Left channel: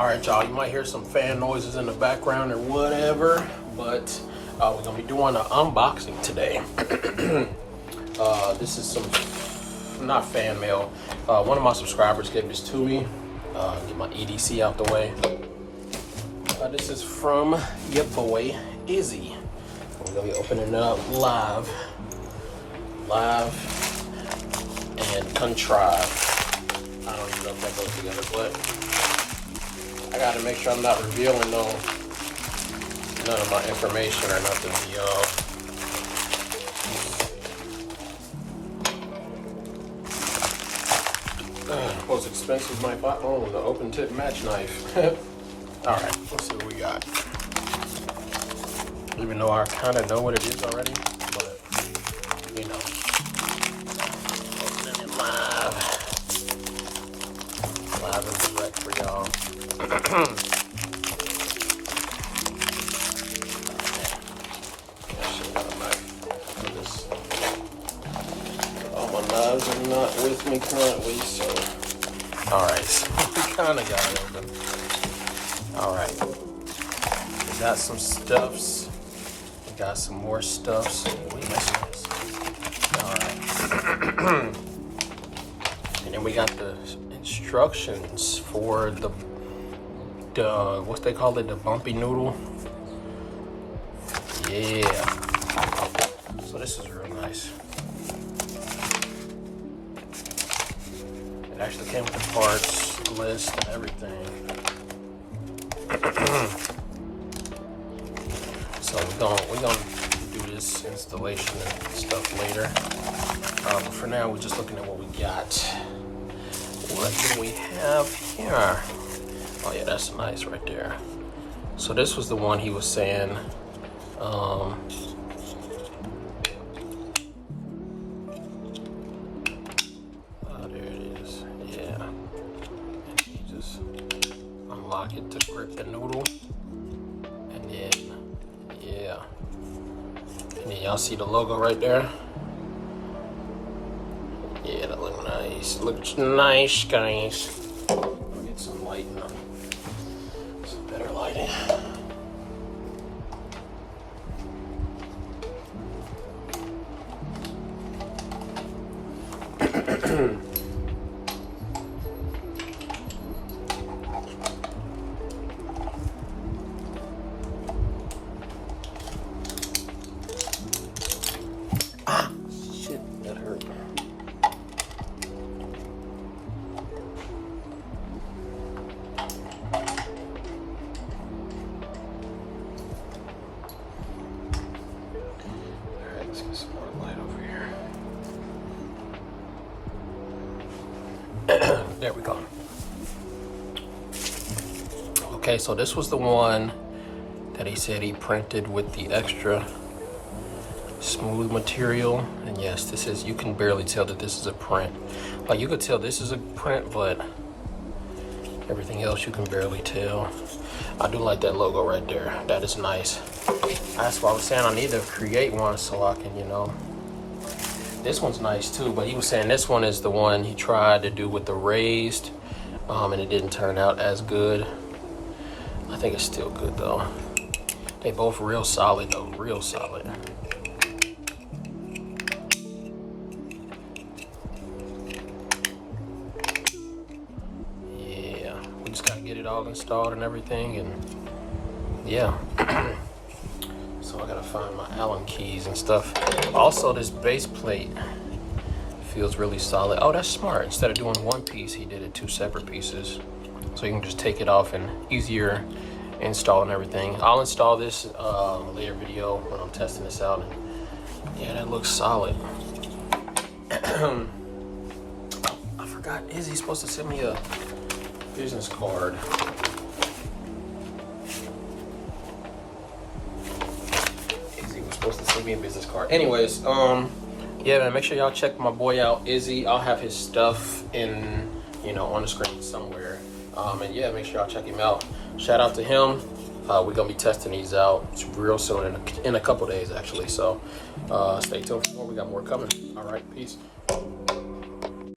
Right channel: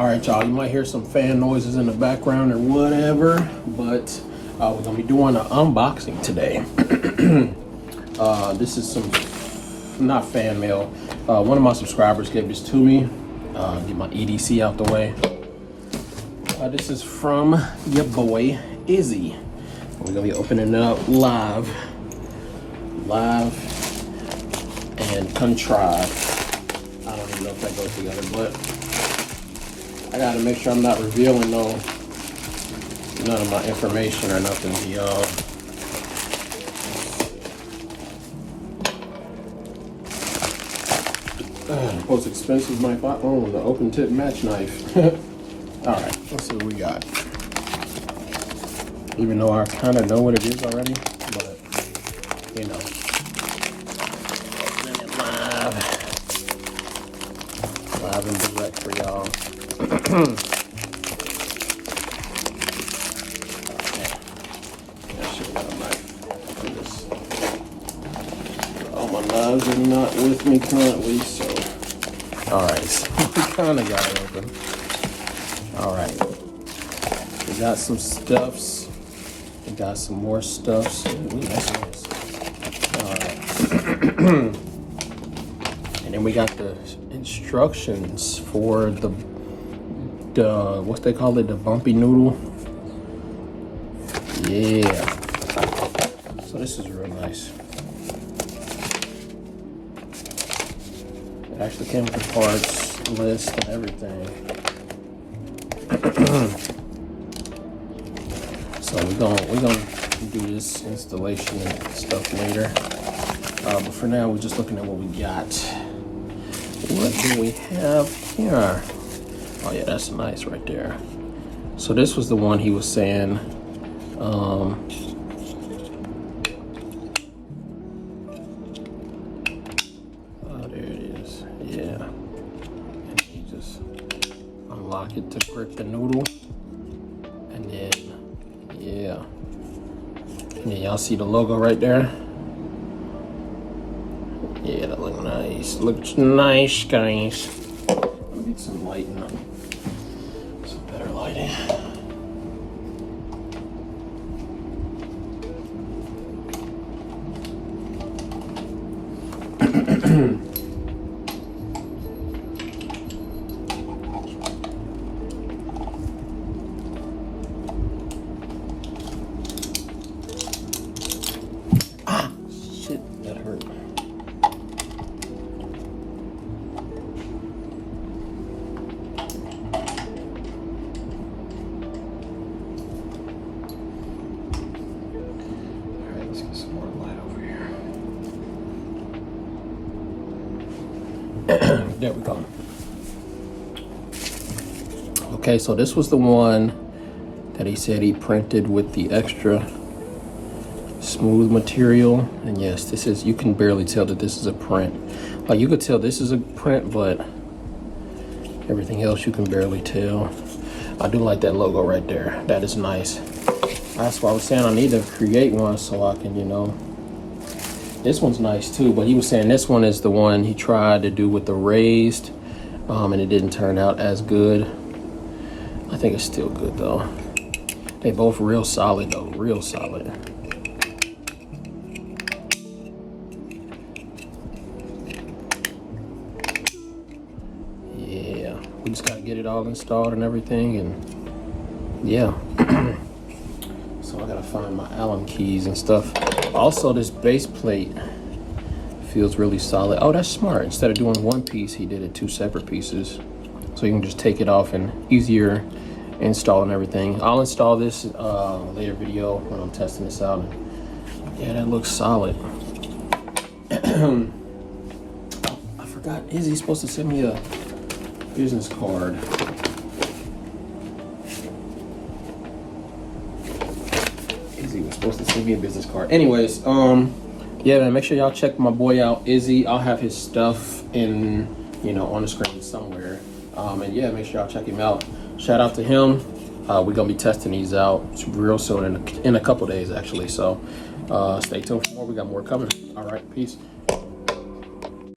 All right, y'all, you might hear some fan noises in the background or whatever, but we're gonna be doing an unboxing today. This is some, not fan mail. One of my subscribers gave this to me. Get my EDC out the way. This is from your boy, Izzy. We're gonna be opening it up live and contrived. I don't even know if that goes together, but I gotta make sure I'm not revealing none of my information or nothing, y'all. Most expensive knife I own, the open tip match knife. All right, let's see what we got. Even though I kind of know what it is already, but you know. Live and direct for y'all. All my loves are not with me currently, so. All right, so we kind of got it open. All right, we got some stuffs. We got some more stuffs. We got this. All right, and then we got the instructions for the what they call it, the bumpy noodle. Yeah. So this is really nice. It actually came with the parts list and everything. So we're gonna do this installation stuff later. But for now, we're just looking at what we got. What do we have here? Oh yeah, that's nice right there. So this was the one he was saying. It to grip the noodle, and then yeah, and then y'all see the logo right there. Yeah, that looks nice. Looks nice, guys. We need some lighting on. Some better lighting. There we go. Okay, so this was the one that he said he printed with the extra smooth material. And yes, this is, you can barely tell that this is a print. Like, you could tell this is a print, but everything else you can barely tell. I do like that logo right there. That is nice. That's why I was saying I need to create one so I can, you know. This one's nice too, but he was saying this one is the one he tried to do with the raised, and it didn't turn out as good. I think it's still good though. They both real solid though, real solid. Yeah, we just gotta get it all installed and everything, and yeah. So I gotta find my Allen keys and stuff. Also, this base plate feels really solid. Oh, that's smart. Instead of doing one piece, he did it two separate pieces. So you can just take it off and easier install and everything. I'll install this later video when I'm testing this out. Yeah, that looks solid. I forgot, Izzy's supposed to send me a business card. Supposed to send me a business card. Anyways, yeah, man, make sure y'all check my boy out, Izzy. I'll have his stuff in, you know, on the screen somewhere. And yeah, make sure y'all check him out. Shout out to him. We're gonna be testing these out real soon, in a couple days actually. So stay tuned for more. We got more coming. All right, peace.